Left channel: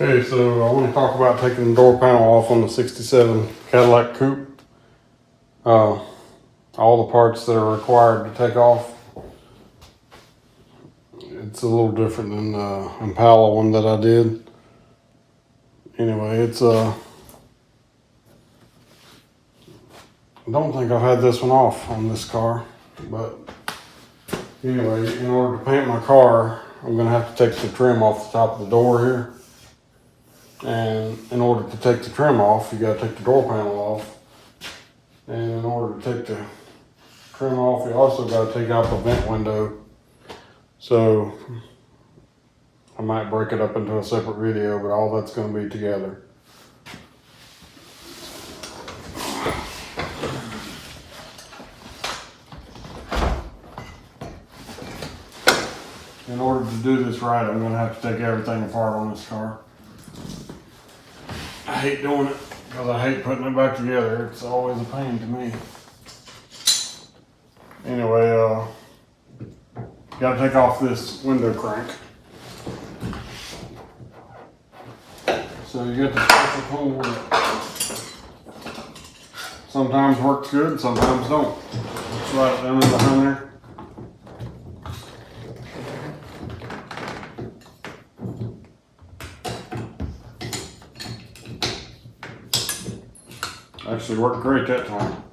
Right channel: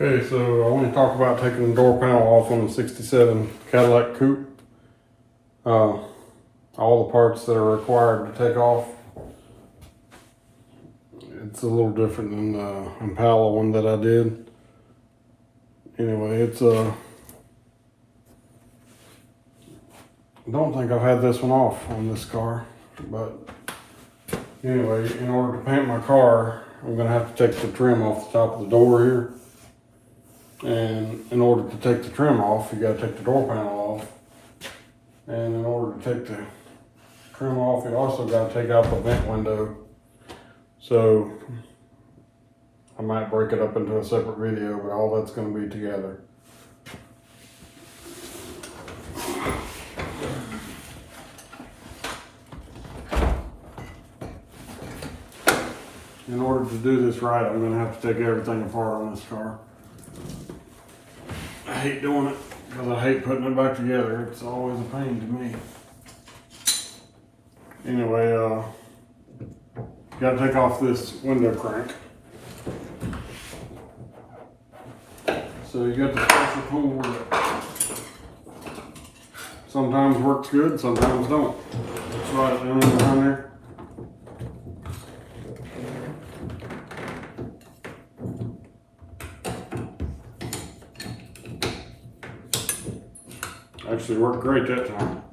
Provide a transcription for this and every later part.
Okay, so I want to talk about taking the door panel off on the 67 Cadillac Coupe. All the parts that are required to take off. It's a little different than the Impala one that I did. Anyway, I don't think I've had this one off on this car, but anyway, in order to paint my car, I'm gonna have to take the trim off the top of the door here. And in order to take the trim off, you gotta take the door panel off. And in order to take the trim off, you also gotta take out the vent window. So I might break it up into a separate video, but all that's gonna be together. In order to do this right, I'm gonna have to take everything apart on this car. I hate doing it because I hate putting it back together. It's always a pain to me. Anyway, gotta take off this window crank. So you get the special tool with it. Sometimes works good, sometimes don't. It's right down in behind there. Actually worked great that time.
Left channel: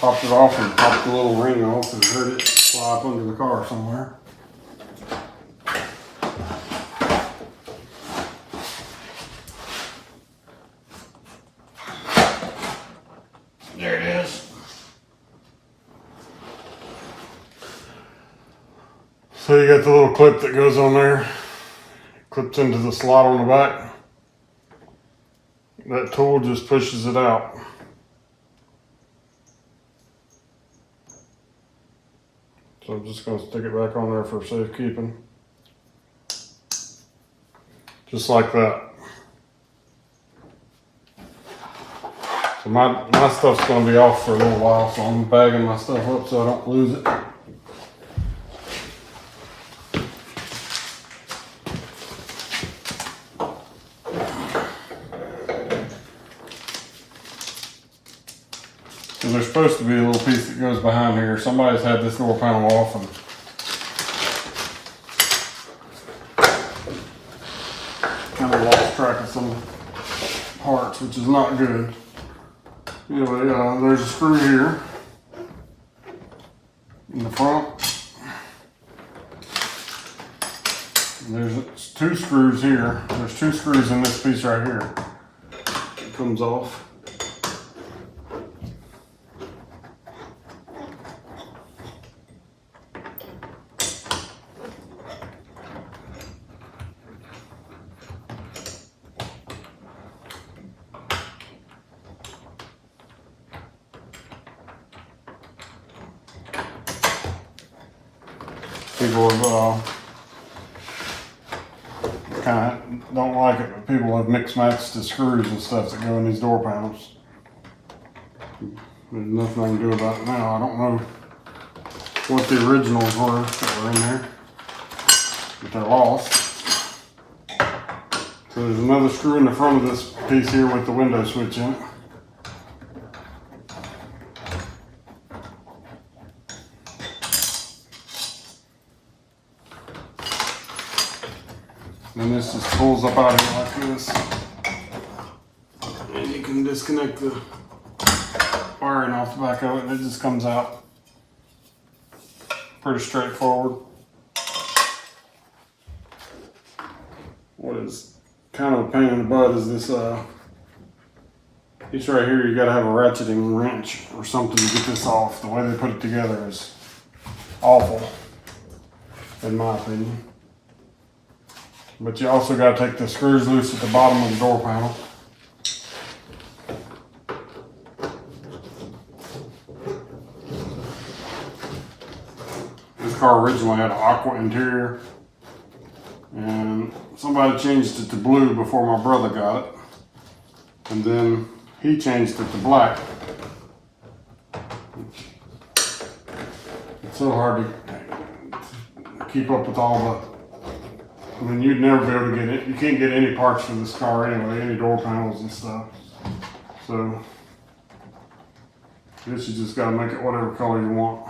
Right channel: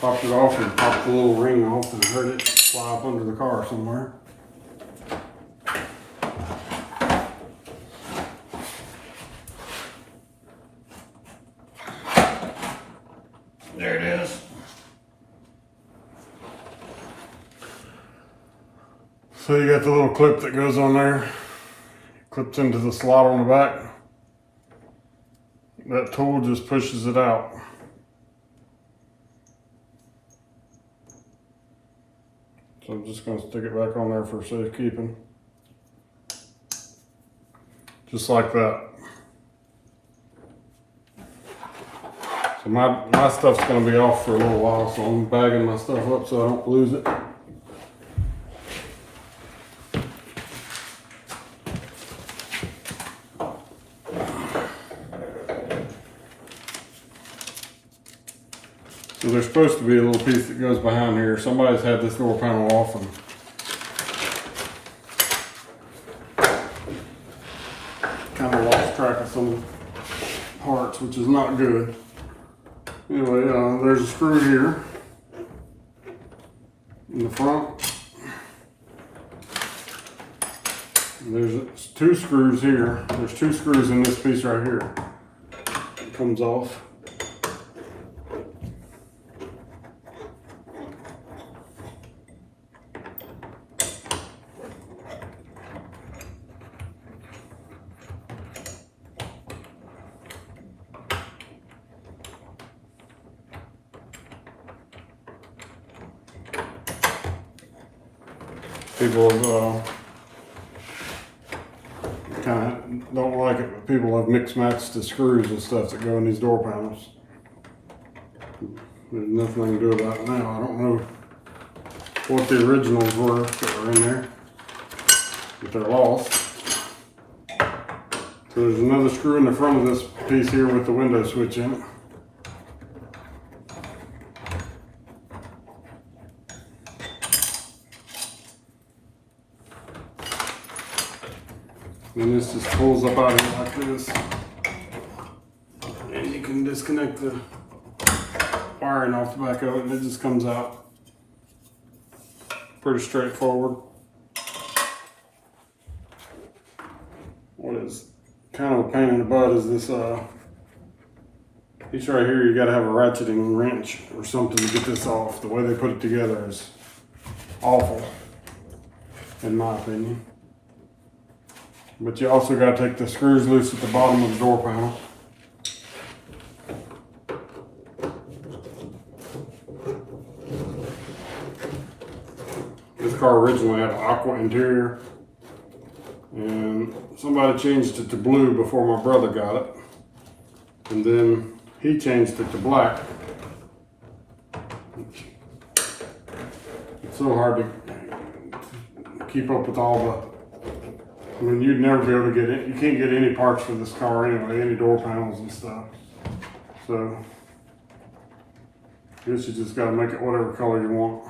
Popped it off and popped the little ring off and heard it fly up under the car somewhere. There it is. So you got the little clip that goes on there. Clips into the slot on the back. That tool just pushes it out. So I'm just going to stick it back on there for safekeeping. Just like that. So my stuff's going to be off for a little while, so I'm bagging my stuff up so I don't lose it. So there's supposed to be a little piece that goes behind here. Somebody's had this little panel off and kind of lost track of some parts, which is not good. Anyway, there's a screw here in the front. There's two screws here. There's two screws in this piece right here. It comes off. People have kind of don't like it, but people have mixed matched the screws and stuff that go in these door panels. There's nothing I can do about it now. I don't know what the originals were that were in there, but they're lost. So there's another screw in the front of this piece here with the window switch in it. And this just pulls up out of here like this. And you can disconnect the wiring off the back of it and it just comes out. Pretty straightforward. What is kind of a pain in the butt is this piece right here. You gotta have a ratcheting wrench or something to get this off. The way they put it together is awful, in my opinion. But you also got to take the screws loose at the bottom of the door panel. This car originally had an aqua interior, and somebody changed it to blue before my brother got it, and then he changed it to black. It's so hard to keep up with all the mean, you'd never be able to get it. You can't get any parts for this car anyway, any door panels and stuff. So, I guess you just gotta make it whatever color you want.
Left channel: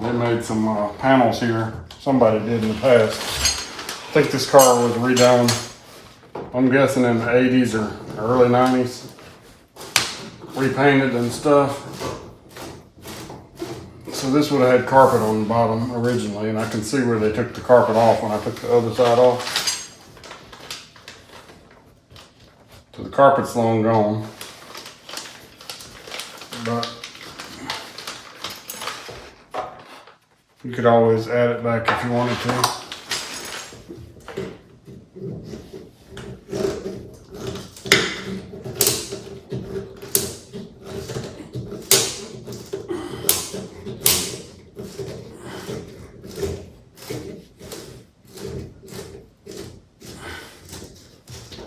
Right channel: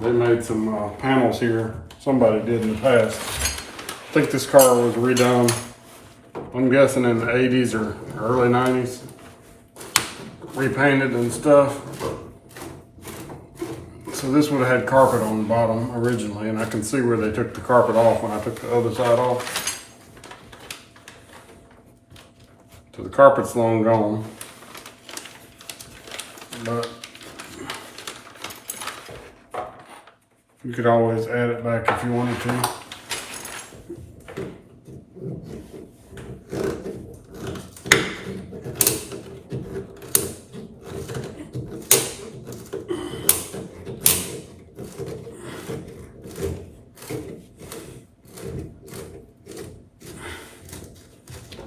They made some panels here. Somebody did in the past. I think this car was redone, I'm guessing in the 80s or early 90s. Repainted and stuff. So this would have had carpet on the bottom originally, and I can see where they took the carpet off when I took the other side off. So the carpet's long gone. But you could always add it back if you wanted to.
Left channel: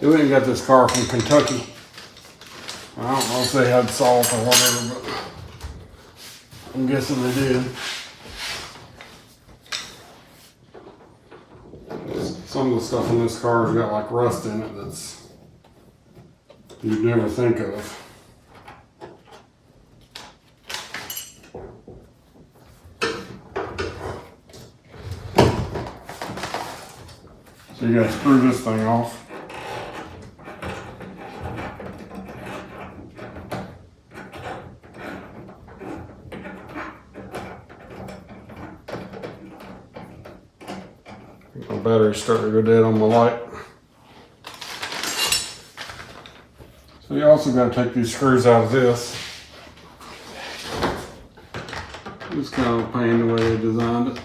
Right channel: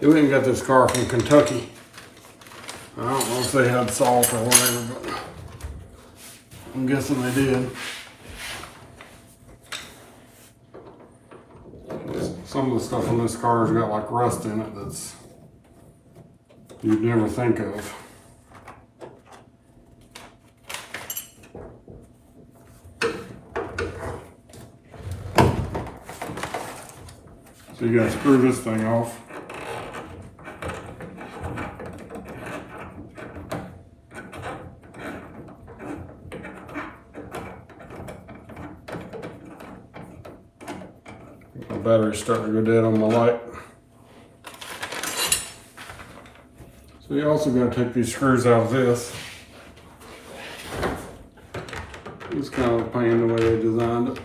We went and got this car from Kentucky. I don't know if they had salt or whatever, but I'm guessing they did. Some of the stuff in this car has got like rust in it that's you'd never think of. So you gotta screw this thing off. My battery's starting to go dead on my light. So you also got to take these screws out of this. It's kind of a pain the way they designed it.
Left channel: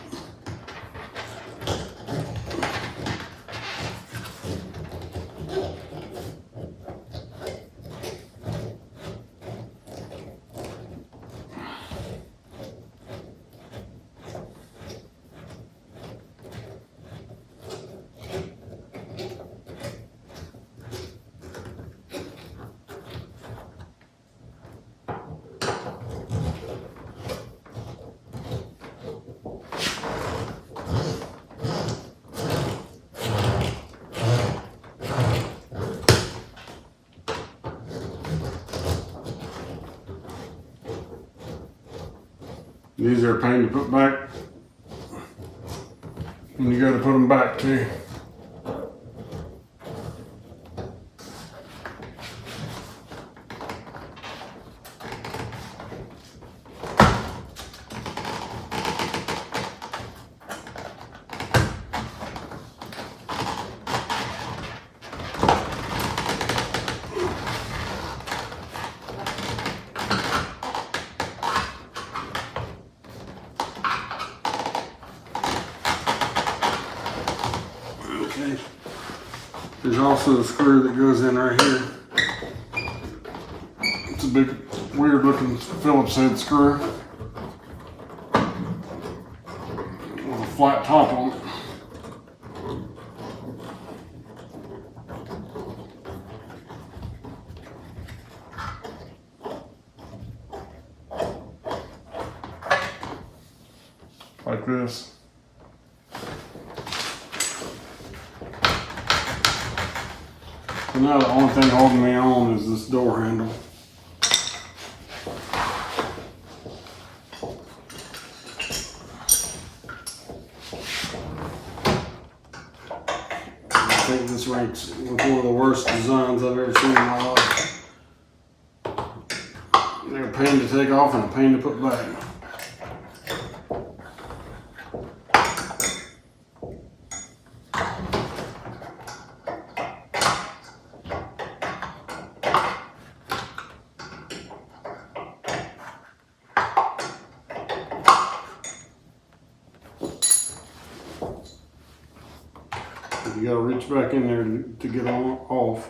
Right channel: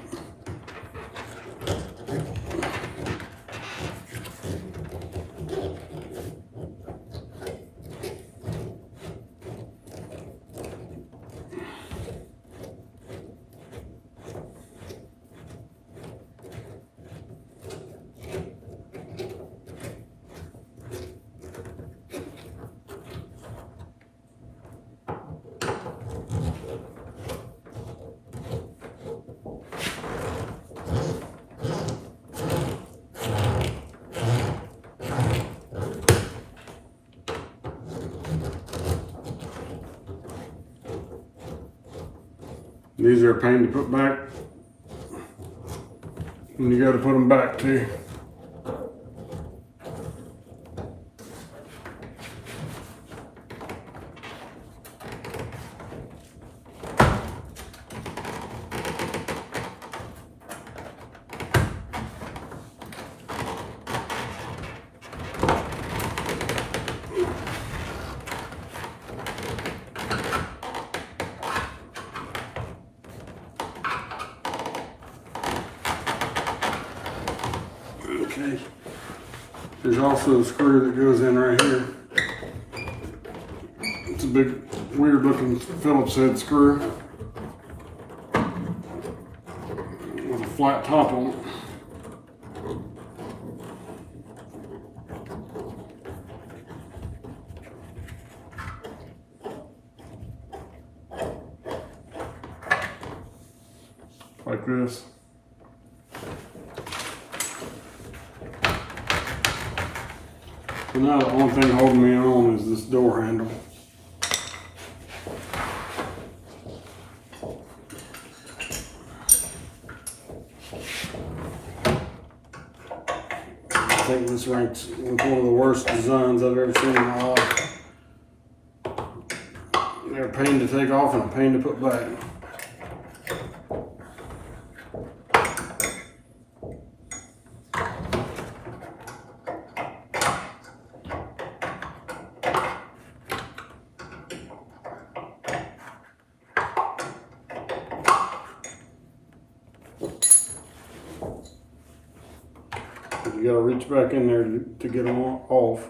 These are a pain to put back when you go to put them back too. Okay. There's also a screw that goes in right here. It's a big, weird looking Phillips head screw with a flat top on it. Like this. So now the only thing holding me on is this door handle. I think this ranks with one of the worst designs I've ever seen in my life. They're a pain to take off and a pain to put back. You gotta reach back in there to get them off.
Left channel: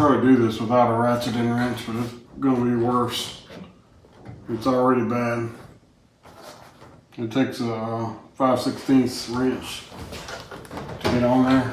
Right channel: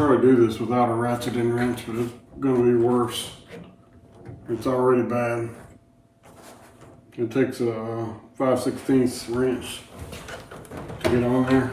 probably do this without a ratchet and wrench, but it's gonna be worse. It's already bad. It takes a 5/16 wrench to get on there.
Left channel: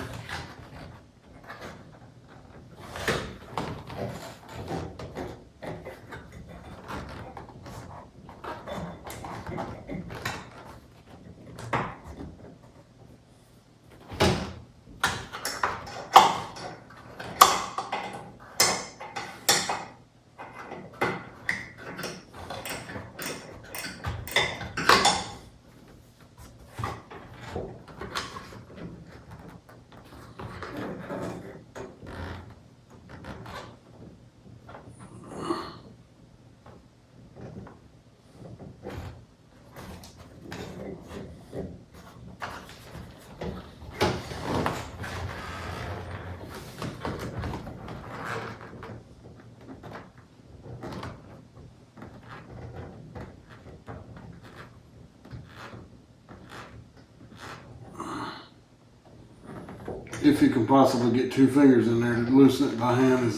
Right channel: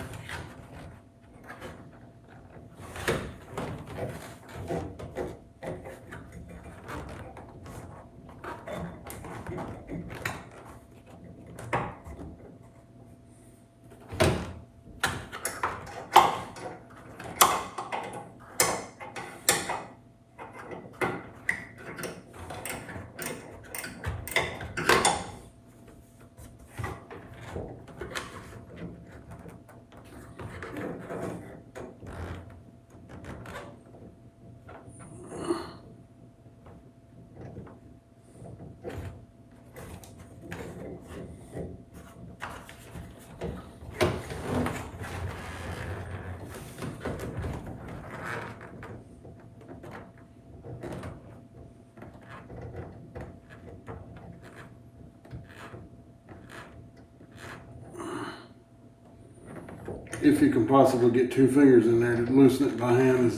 If you can possibly get 2 fingers in there to loosen it by hand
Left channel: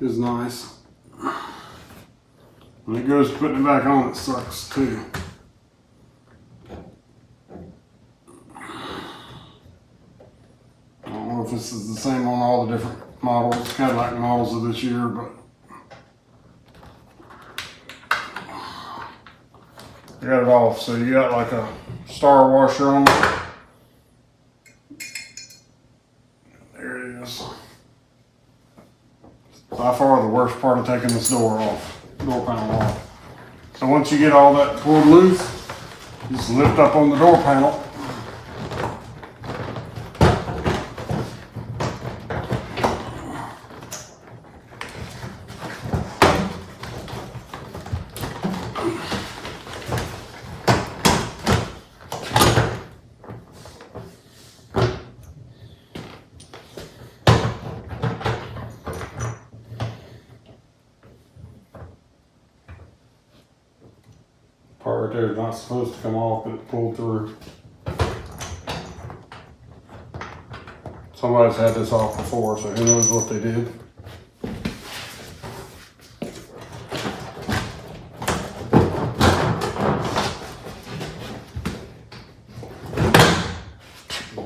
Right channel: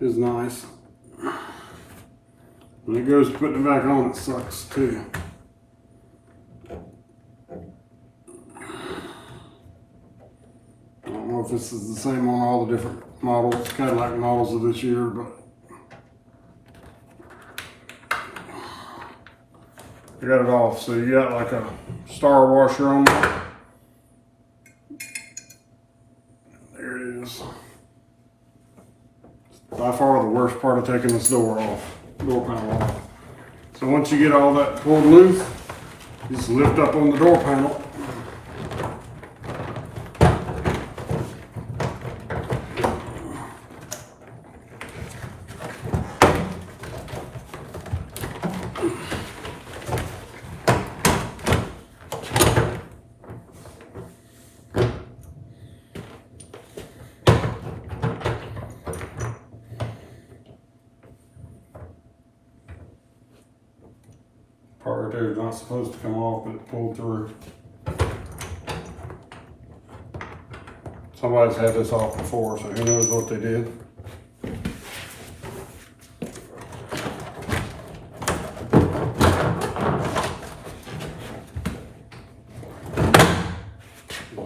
is nice. When it goes to putting it back on, it sucks too. I don't know if this is the same on all the different models, Cadillac models of this year, but I got it off. So you got like a star washer on there. There it is. By far the worst part of taking this door panel off. So once you get all that pulled loose, just lift up on the door panel. Part right there is not supposed to come off, but it pulled through. Somebody's had this off before, so who knows what they did.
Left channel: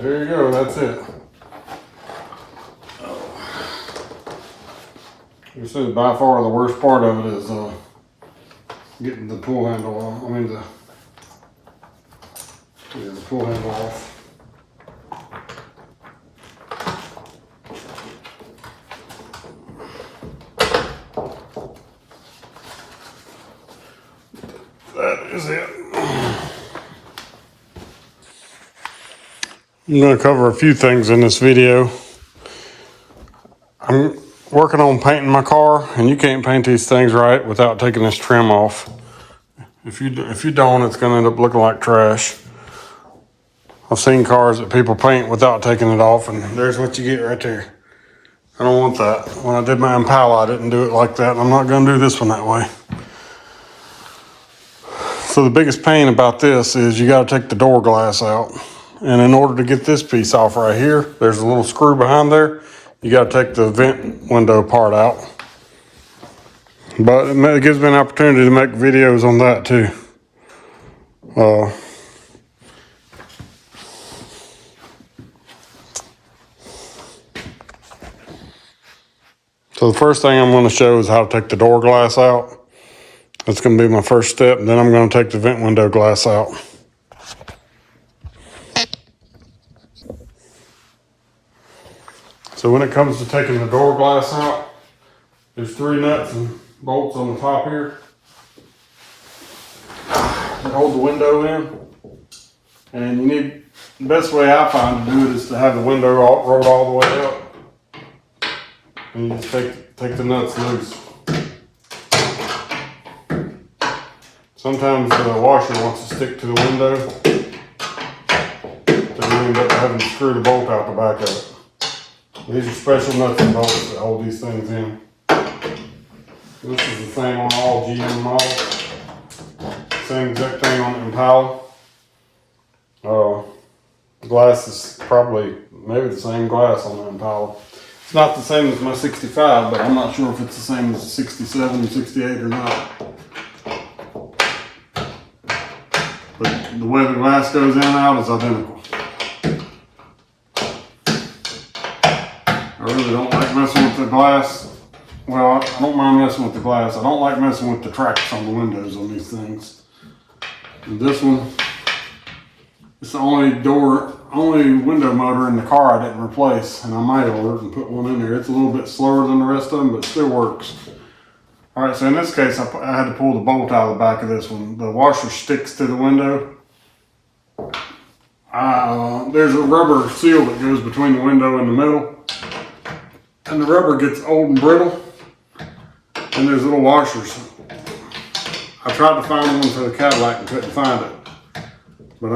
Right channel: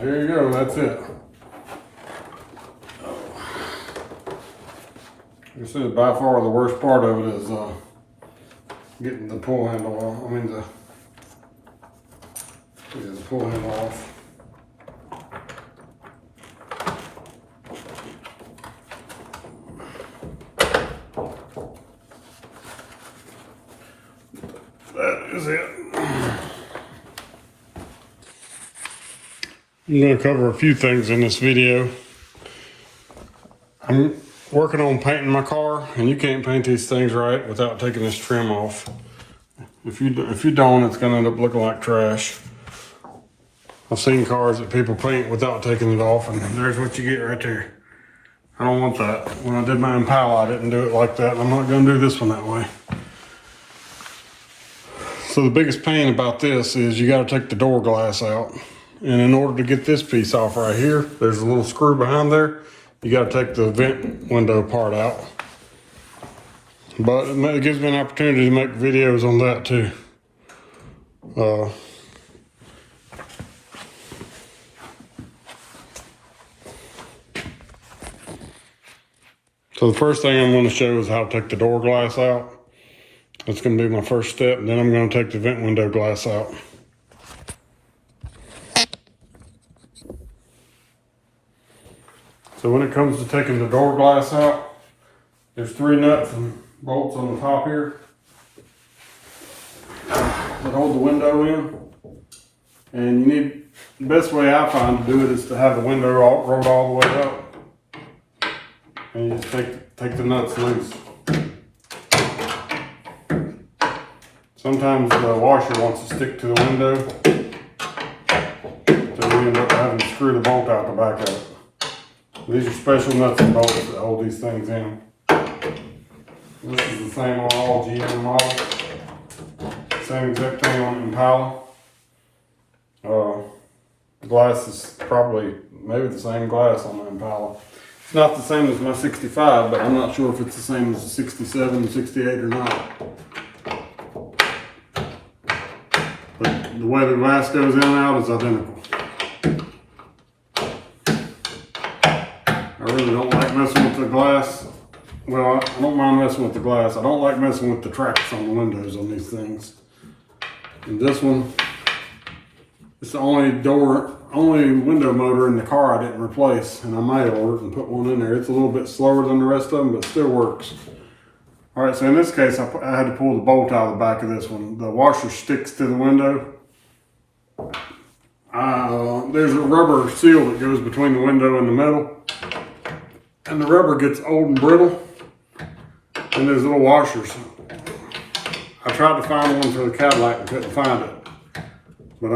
There you go, that's it. Like I said, by far the worst part of it is getting the pull handle off. The pull handle off. That is it. I'm going to cover a few things in this video. I'm working on painting my car, and you can't paint these things right without taking this trim off. If you don't, it's going to end up looking like trash. I've seen cars that people paint without taking it off, and there's what you get right there. I don't want that. When I did my Impala, I didn't do it like that, and I'm not going to do this one that way. So the biggest pain about this is you got to take the door glass out. And in order to get this piece off right here, there's a little screw behind there. You got to take the vent window part out. But it gives me an opportunity to make videos on that too. So the first thing I'm going to show is how to take the door glass out. That's going to be my first step. Then I'm going to take the vent window glass out. So when it comes to taking the door glass out, there's 3 nuts and bolts on the top here that hold the window in. And the best way I find to do it is to have the window rolled all the way up. And you just take the nuts loose. Sometimes the washer wants to stick to the window, so you end up having to screw the bolt out the back of it. These are special nuts and bolts that hold these things in. This is the same on all GM models. Same exact thing on the Impala. The glass is probably maybe the same glass on the Impala. It's not the same as my 65, but I'm not sure if it's the same as 67 and 68 or not. But the way the glass goes in and out is identical. I really don't like messing with the glass. Well, I don't mind messing with the glass. I don't like messing with the tracks on the windows on these things. And this one, it's the only window motor in the car I didn't replace, and I might order and put one in there. It's a little bit slower than the rest of them, but still works. All right, so in this case, I had to pull the bolt out of the back of this one. The washer sticks to the window. There's a rubber seal that goes between the window and the metal, and the rubber gets old and brittle, and there's little washers. I tried to find one for the Cadillac and couldn't find it. But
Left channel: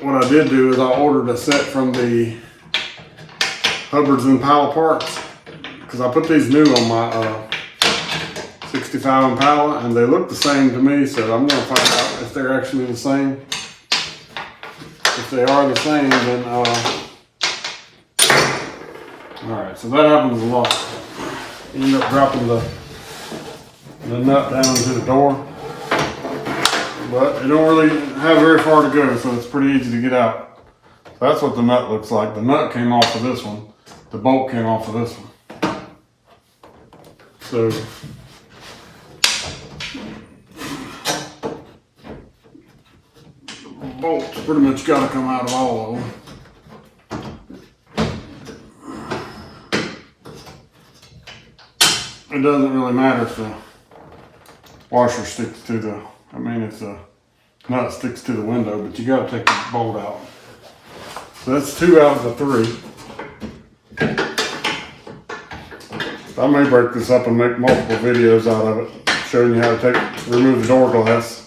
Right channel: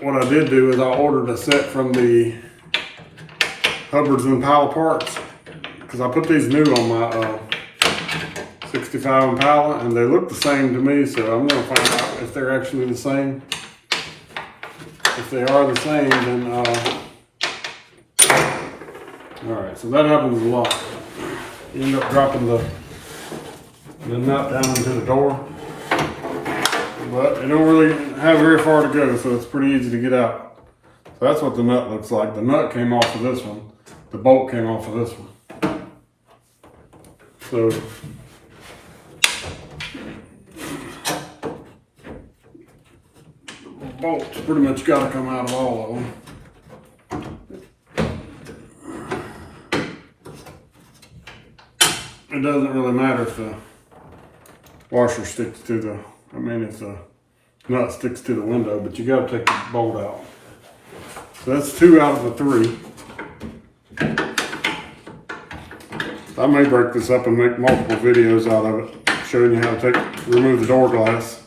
what I did do is I ordered a set from the Hubbard's Impala parts, because I put these new on my 65 Impala, and they look the same to me, so I'm going to find out if they're actually the same. If they are the same, then alright, so that happens a lot. You end up dropping the nut down into the door, but it don't really have very far to go, so it's pretty easy to get out. So that's what the nut looks like. The nut came off of this one. The bolt came off of this one. So bolts pretty much got to come out of all of them. It doesn't really matter if the washer sticks to the, if the nut sticks to the window, but you got to take the bolt out. So that's 2 out of the 3. I may break this up and make multiple videos out of it, showing you how to remove the door glass.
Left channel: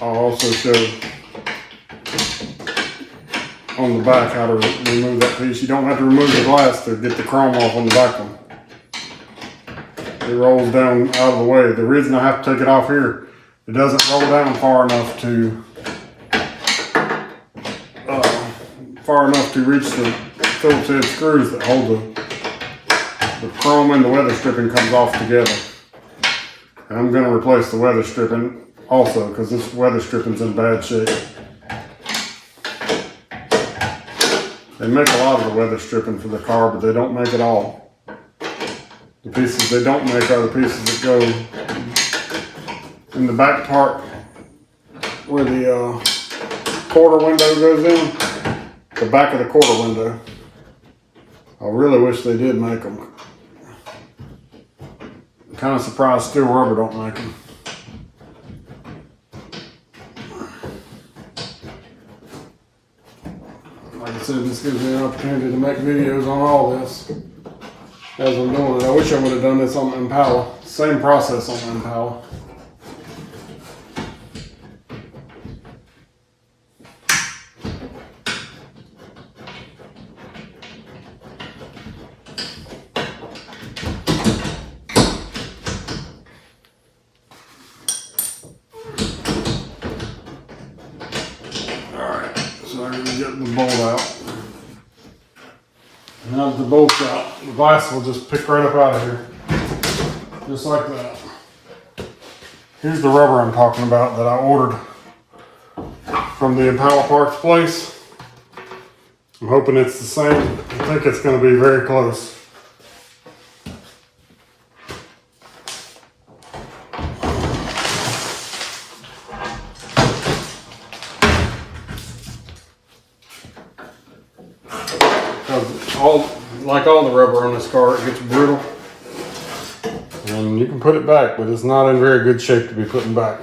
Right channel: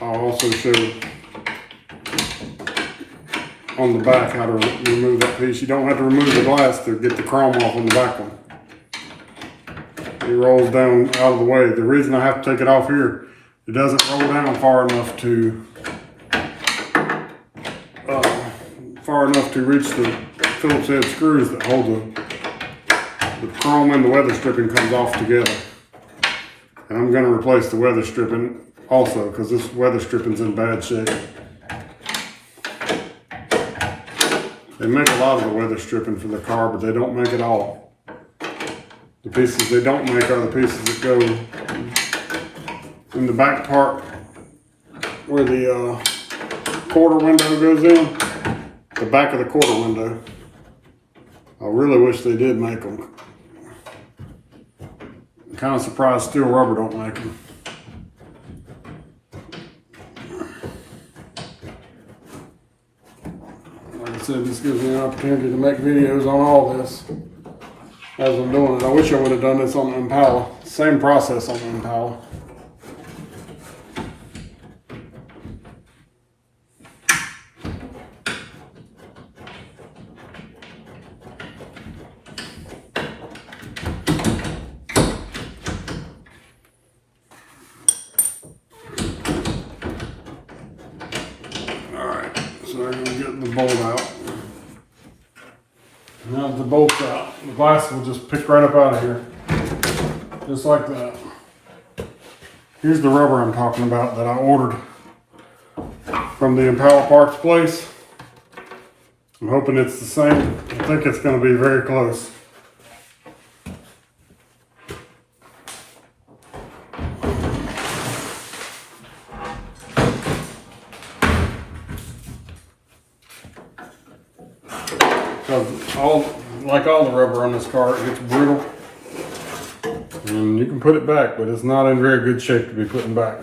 I'll also show on the back how to remove that piece. You don't have to remove the glass to get the chrome off on the back one. It rolls down out of the way. The reason I have to take it off here, it doesn't roll down far enough to reach the Phillips head screws that hold the chrome and the weather stripping comes off together. And I'm going to replace the weather stripping also, because this weather stripping's in bad shape. They make a lot of the weather stripping for the car, but they don't make it all. The pieces they don't make are the pieces that go in the back part where the quarter window goes in, the back of the quarter window. I really wish they did make them. I'm kind of surprised steel rubber don't make them. Like I said, this gives me an opportunity to make videos on all this as I'm doing it. I wish I would have done this on the Impala. Same process on the Impala. Alright, so I'm going to get the bolt out. Now that the bolt's out, the glass will just pick right up out of here. Just like that. Here's the rubber I'm talking about that I ordered from the Impala parts place. I'm hoping it's the same. I think it's going to be very close. Because like all the rubber on this car, it gets brittle. And you can put it back, but it's not in very good shape to be putting back.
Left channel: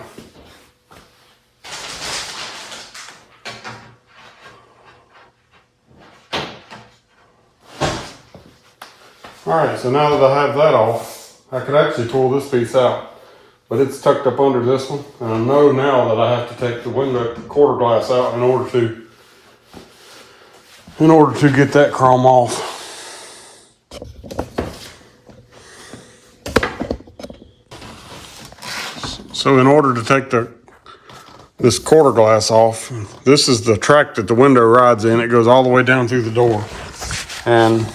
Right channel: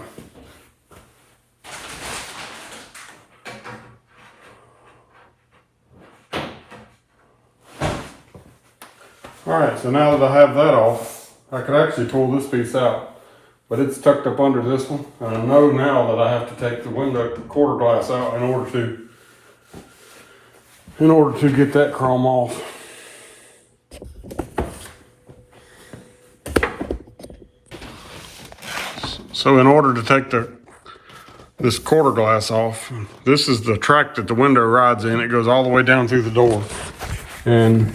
Alright, so now that I have that off, I can actually pull this piece out. But it's tucked up under this one. And I know now that I have to take the window quarter glass out in order to get that chrome off. So in order to take this quarter glass off, this is the track that the window rides in. It goes all the way down through the door. And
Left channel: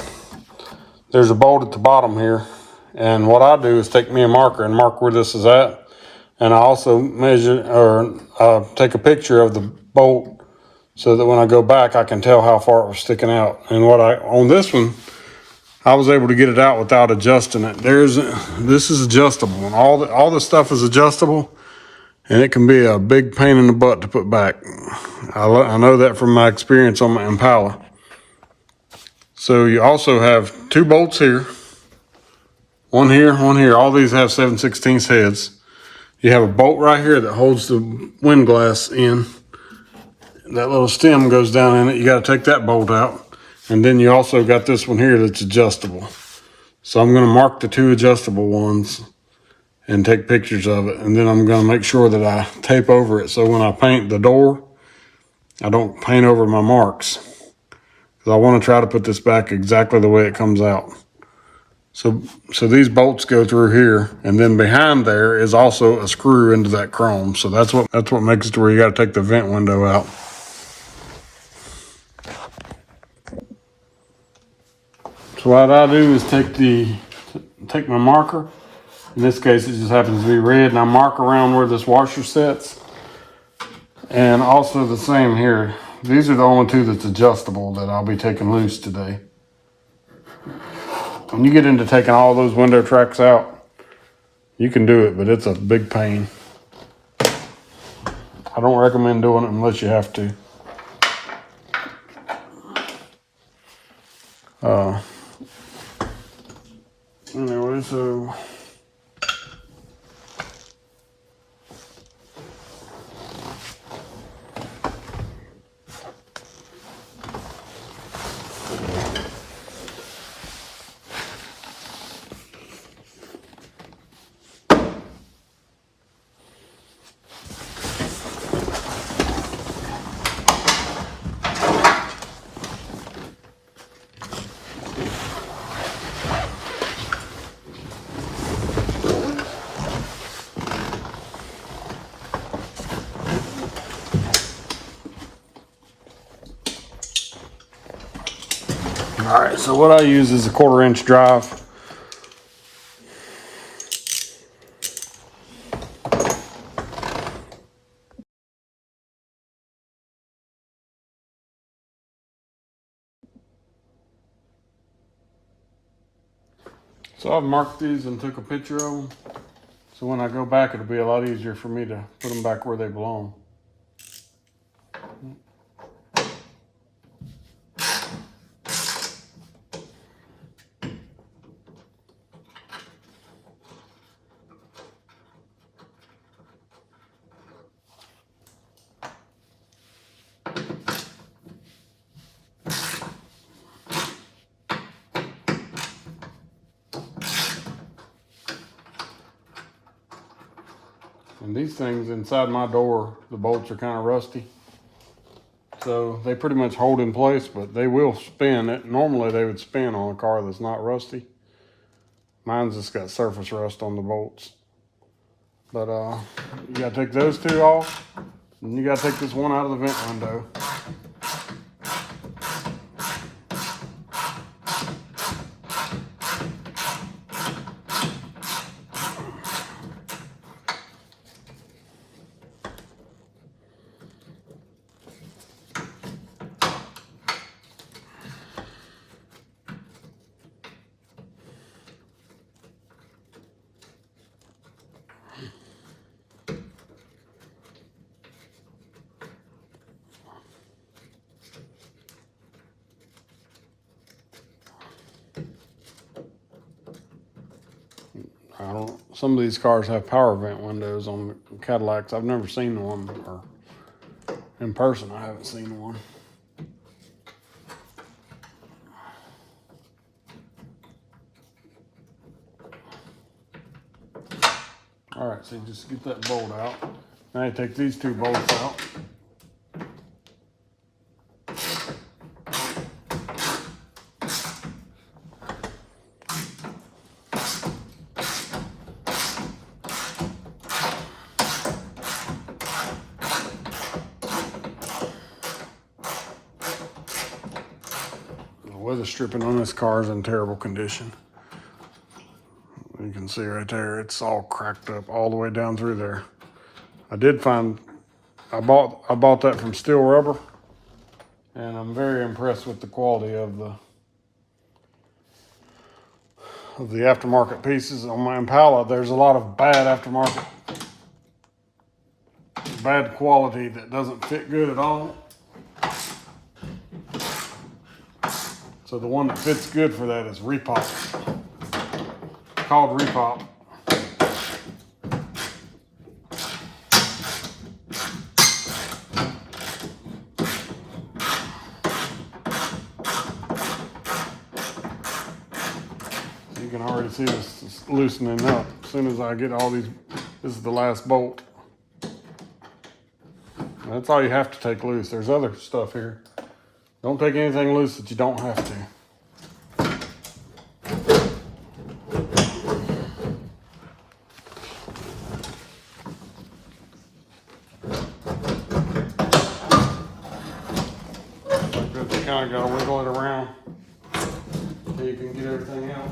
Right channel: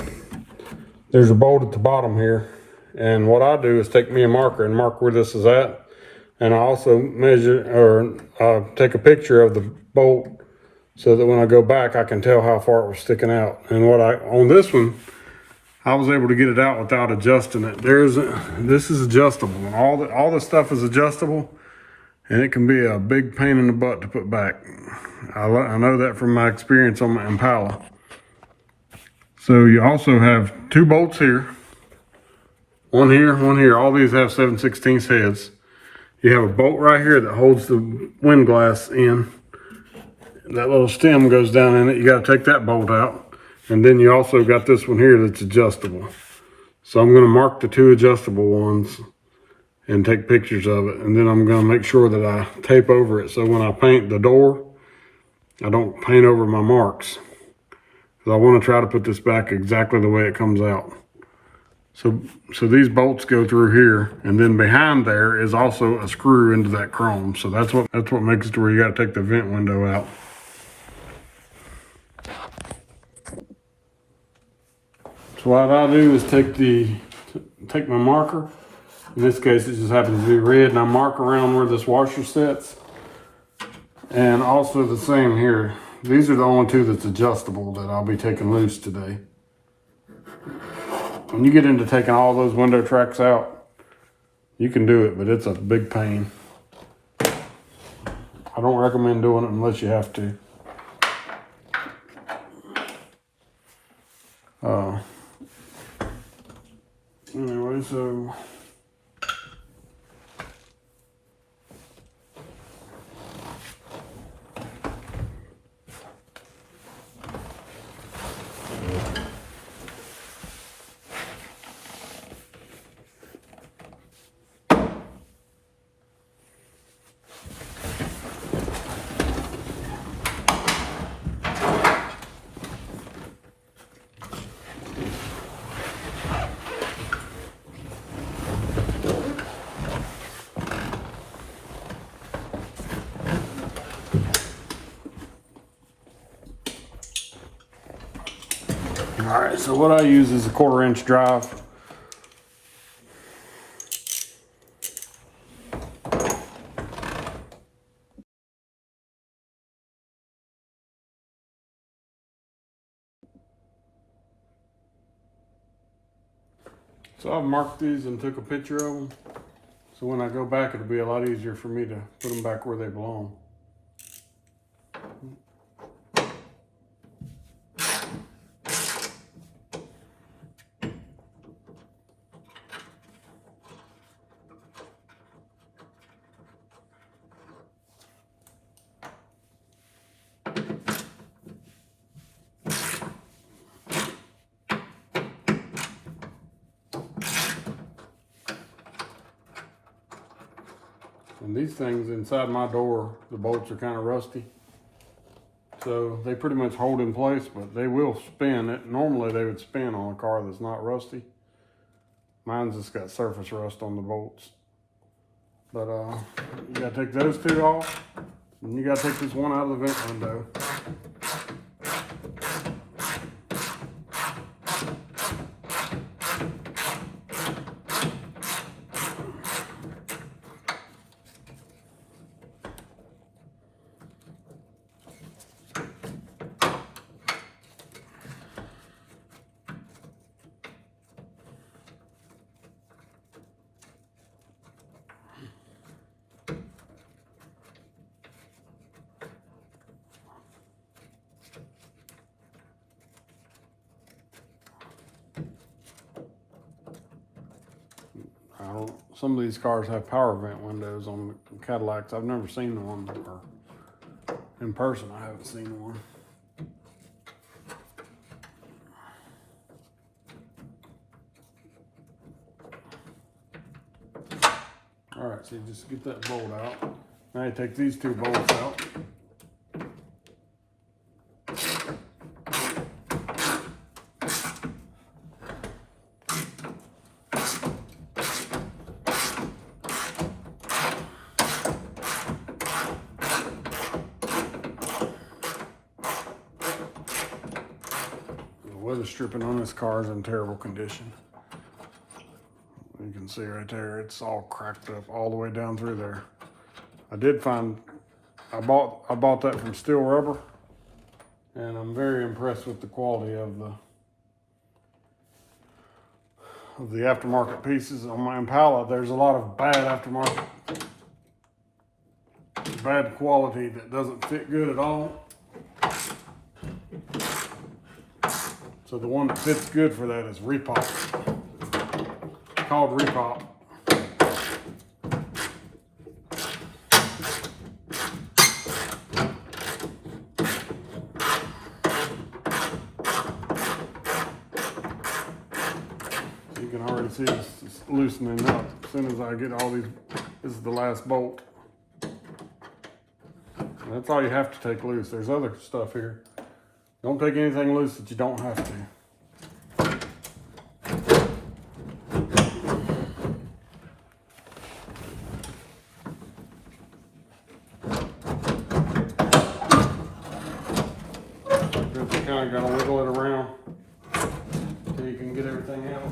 there's a bolt at the bottom here. And what I do is take me a marker and mark where this is at. And I also measure or take a picture of the bolt so that when I go back, I can tell how far it was sticking out. And on this one, I was able to get it out without adjusting it. This is adjustable, and all the stuff is adjustable, and it can be a big pain in the butt to put back. I know that from my experience on my Impala. So you also have two bolts here, one here, one here. All these have 7/16 heads. You have a bolt right here that holds the wind glass in. That little stem goes down in it. You got to take that bolt out. And then you also got this one here that's adjustable. So I'm going to mark the two adjustable ones and take pictures of it. And then I'm going to make sure that I tape over it. So when I paint the door, I don't paint over my marks. Because I want to try to put this back exactly the way it comes out. So these bolts go through here, and then behind there is also a screw into that chrome. So that's what makes it to where you got to take the vent window out. So what I do is take my marker. In this case, it just happens to be red, and I mark around where this washer sits. And also the same here. These are the only two that's adjustable that I'll be taking loose today. When you get into taking all those window tracks out, you can do it, but it's a big pain. I don't recommend doing it unless you have to. Anyway, so all right, so what I use is a 1/4-inch drive. So I've marked these and took a picture of them. So when I go back, it'll be a lot easier for me to put them back where they belong. And these things inside my door, the bolts are kind of rusty. So they pretty much hold in place, but they will spin. Normally they would spin on a car that's not rusty. Mine's just got surface rust on the bolts. But you gotta take those two off, and you gotta take this one out of the vent window. Some of these cars have power vent windows on the Cadillacs. I've never seen one, or in person I haven't seen one. All right, so you just get that bolt out. Now you take these two bolts out. weather stripping on this car is in terrible condition. You can see right there, it's all cracked up all the way down through there. I bought that from Steel Rubber, and I'm very impressed with the quality of the aftermarket pieces. On my Impala, there's a lot of bad aftermarket, bad quality that doesn't fit good at all. So the one that fits good for that is Repop. It's called Repop. You can already see this loosening up. As soon as I get all these, this is the last bolt. That's all you have to take loose. There's other stuff here. Don't take anything loose that you don't have to. You kind of got to wiggle it around so you can get everything out.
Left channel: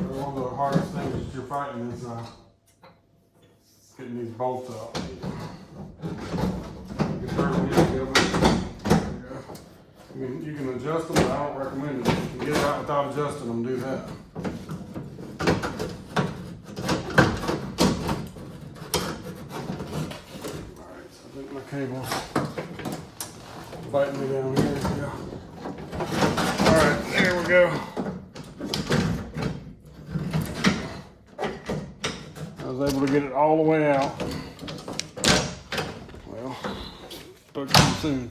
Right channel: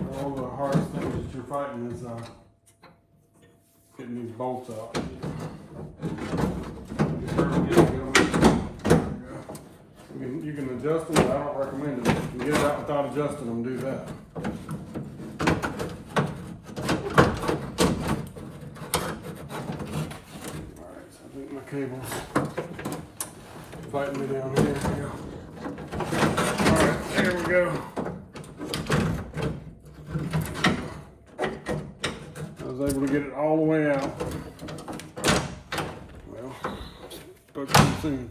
One of the hardest things that you're fighting is getting these bolts out. You can adjust them, but I don't recommend it. If you can get it out without adjusting them, do that. Alright, so I think my cable's fighting me down here. Alright, here we go. I was able to get it all the way out. Well, spoke too soon.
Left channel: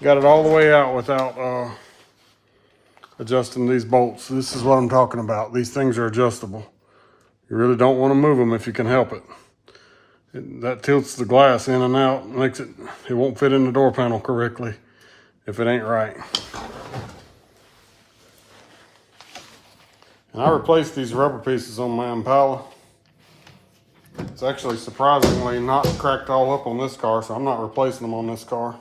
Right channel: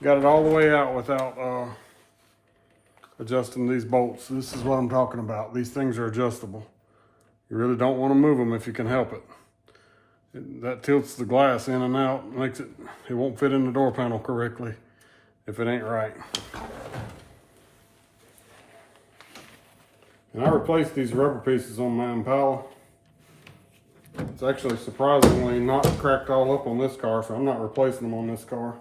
Got it all the way out without adjusting these bolts. This is what I'm talking about. These things are adjustable. You really don't want to move them if you can help it. That tilts the glass in and out, makes it won't fit in the door panel correctly if it ain't right. And I replaced these rubber pieces on my Impala. It's actually surprisingly not cracked all up on this car, so I'm not replacing them on this car.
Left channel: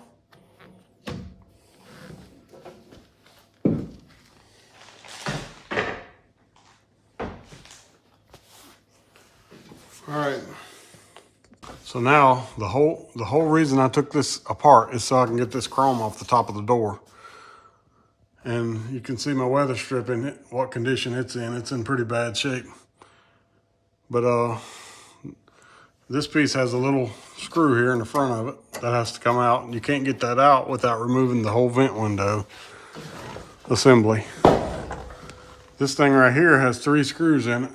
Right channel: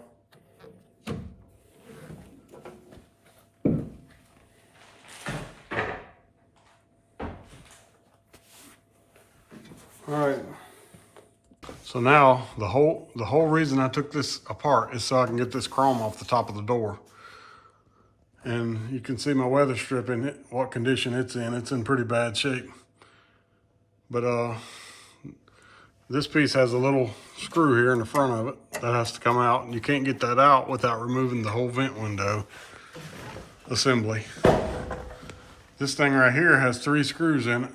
All right, so now the whole reason I took this apart is so I can get this chrome off the top of the door. And you can see my weather stripping, what condition it's in. It's in pretty bad shape. But this piece has a little screw here in the front of it that has to come out, and you can't get that out without removing the whole vent window assembly. This thing right here has 3 screws in it.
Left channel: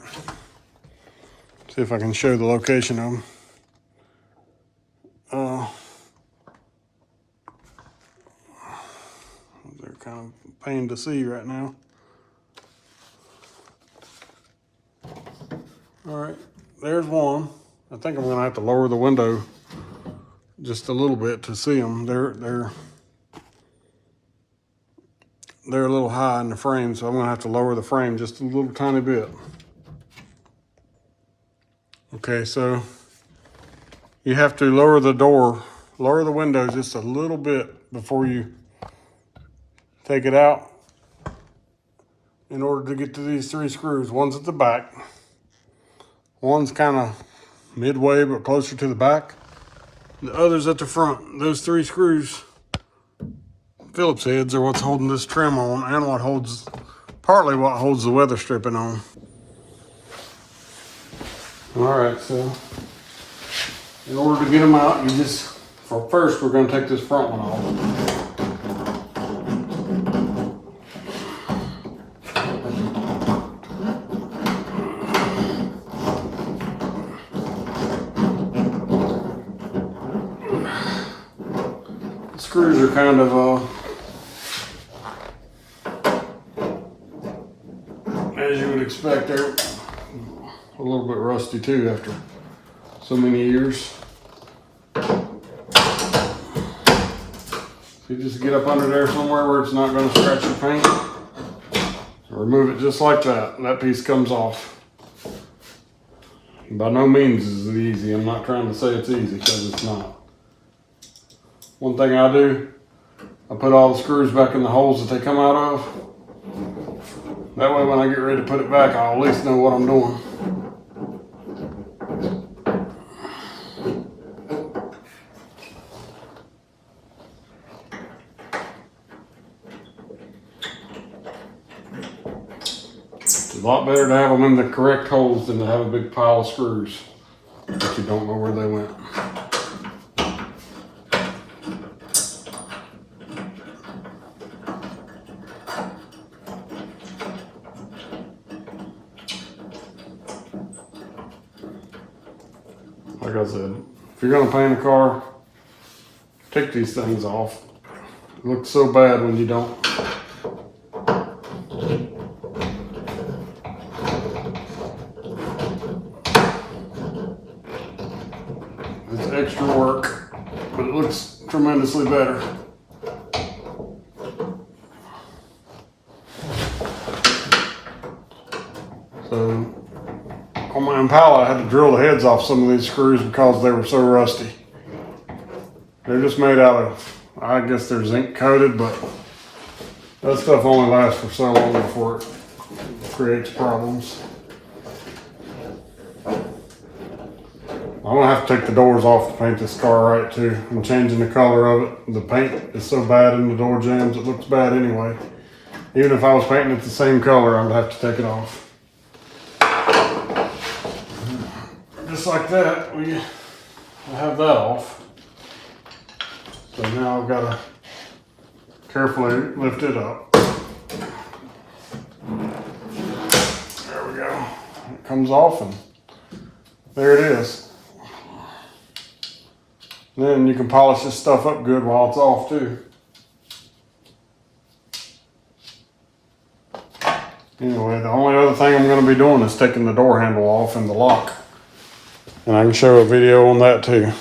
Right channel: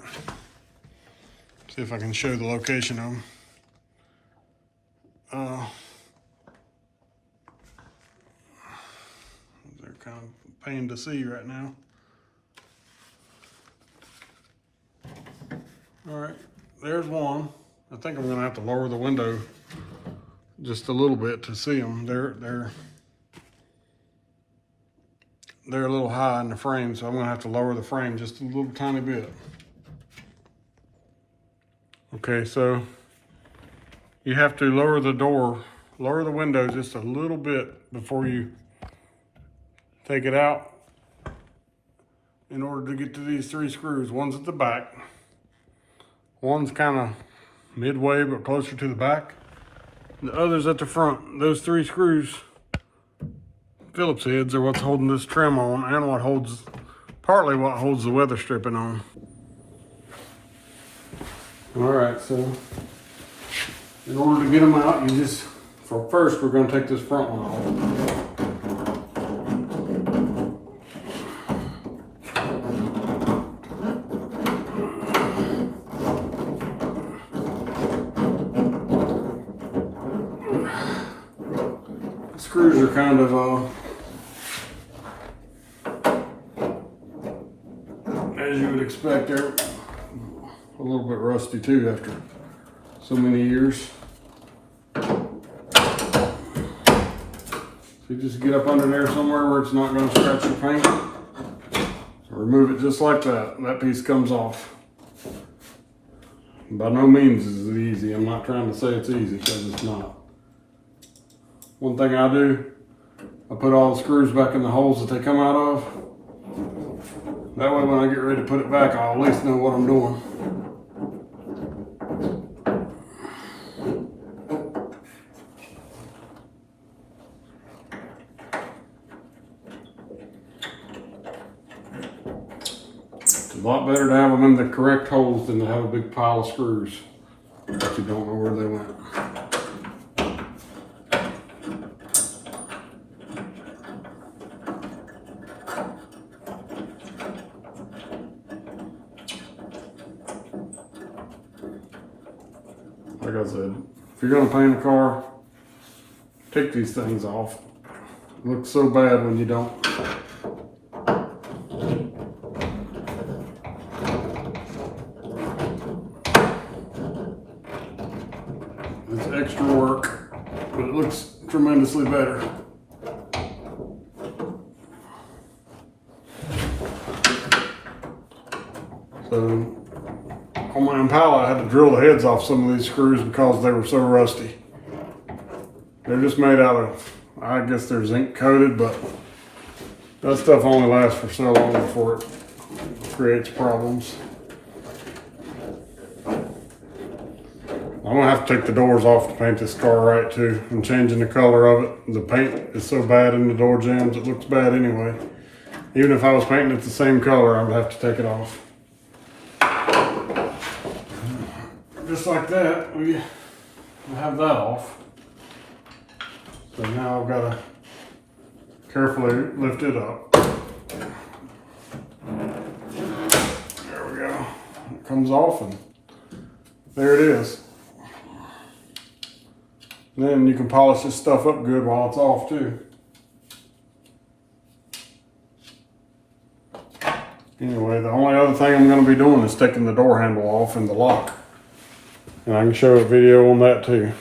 See if I can show the location of them. They're kind of a pain to see right now. All right, there's one. I think I'm gonna have to lower the window just a little bit to see them. They're a little high in the frame, so I'm gonna have to lower the frame just a little tiny bit. Okay, so you have to lower the window just a little bit before you take it out in order to get to these 3 screws. One's at the back, one's kind of midway but closer to the back, the other's at the front. Those 3 screws, Phillips heads, are what's holding this trim on and partly what holds the weather stripping on. All right, so in order to get them out, first we're going to take this front one off. The screws are kind of, as you would expect, they're a little bit rusty too after so many years. So you just get up under there somewhere where it's not going to scratch your paint. So remove it just like that, and that piece comes off. By no means is it easy. I'm not trying to say it's easy, because it's not. One thing I do, I put all the screws back in the holes that they come out of. That way when I get ready to put it back, I'll at least know what I'm doing. It's a lot better to have them in the correct holes than to have a big pile of screws that you don't know where they went. Like I said, if you're gonna paint a car, take these things off. It looks so bad when you don't. It's extra work, but it looks tremendously better. So on my Impala, I had to drill the heads off some of these screws because they were so rusty. They're just made out of, I guess they're zinc coated, but that stuff only lasts for so long before it creates problems. I'm gonna have to take the doors off to paint this car right too. I'm changing the color of it. The paint is so bad in the door jambs, it looks bad anyway. Even if I was painting it the same color, I would have to take it off. Just like that, we have that off. So now I've got to carefully lift it up. There we go. It comes off and there it is. Then you can polish this stuff up good while it's off too. Anyway, the only other thing I'm going to be doing is taking the door handle off and the lock. And I can show a video on that too.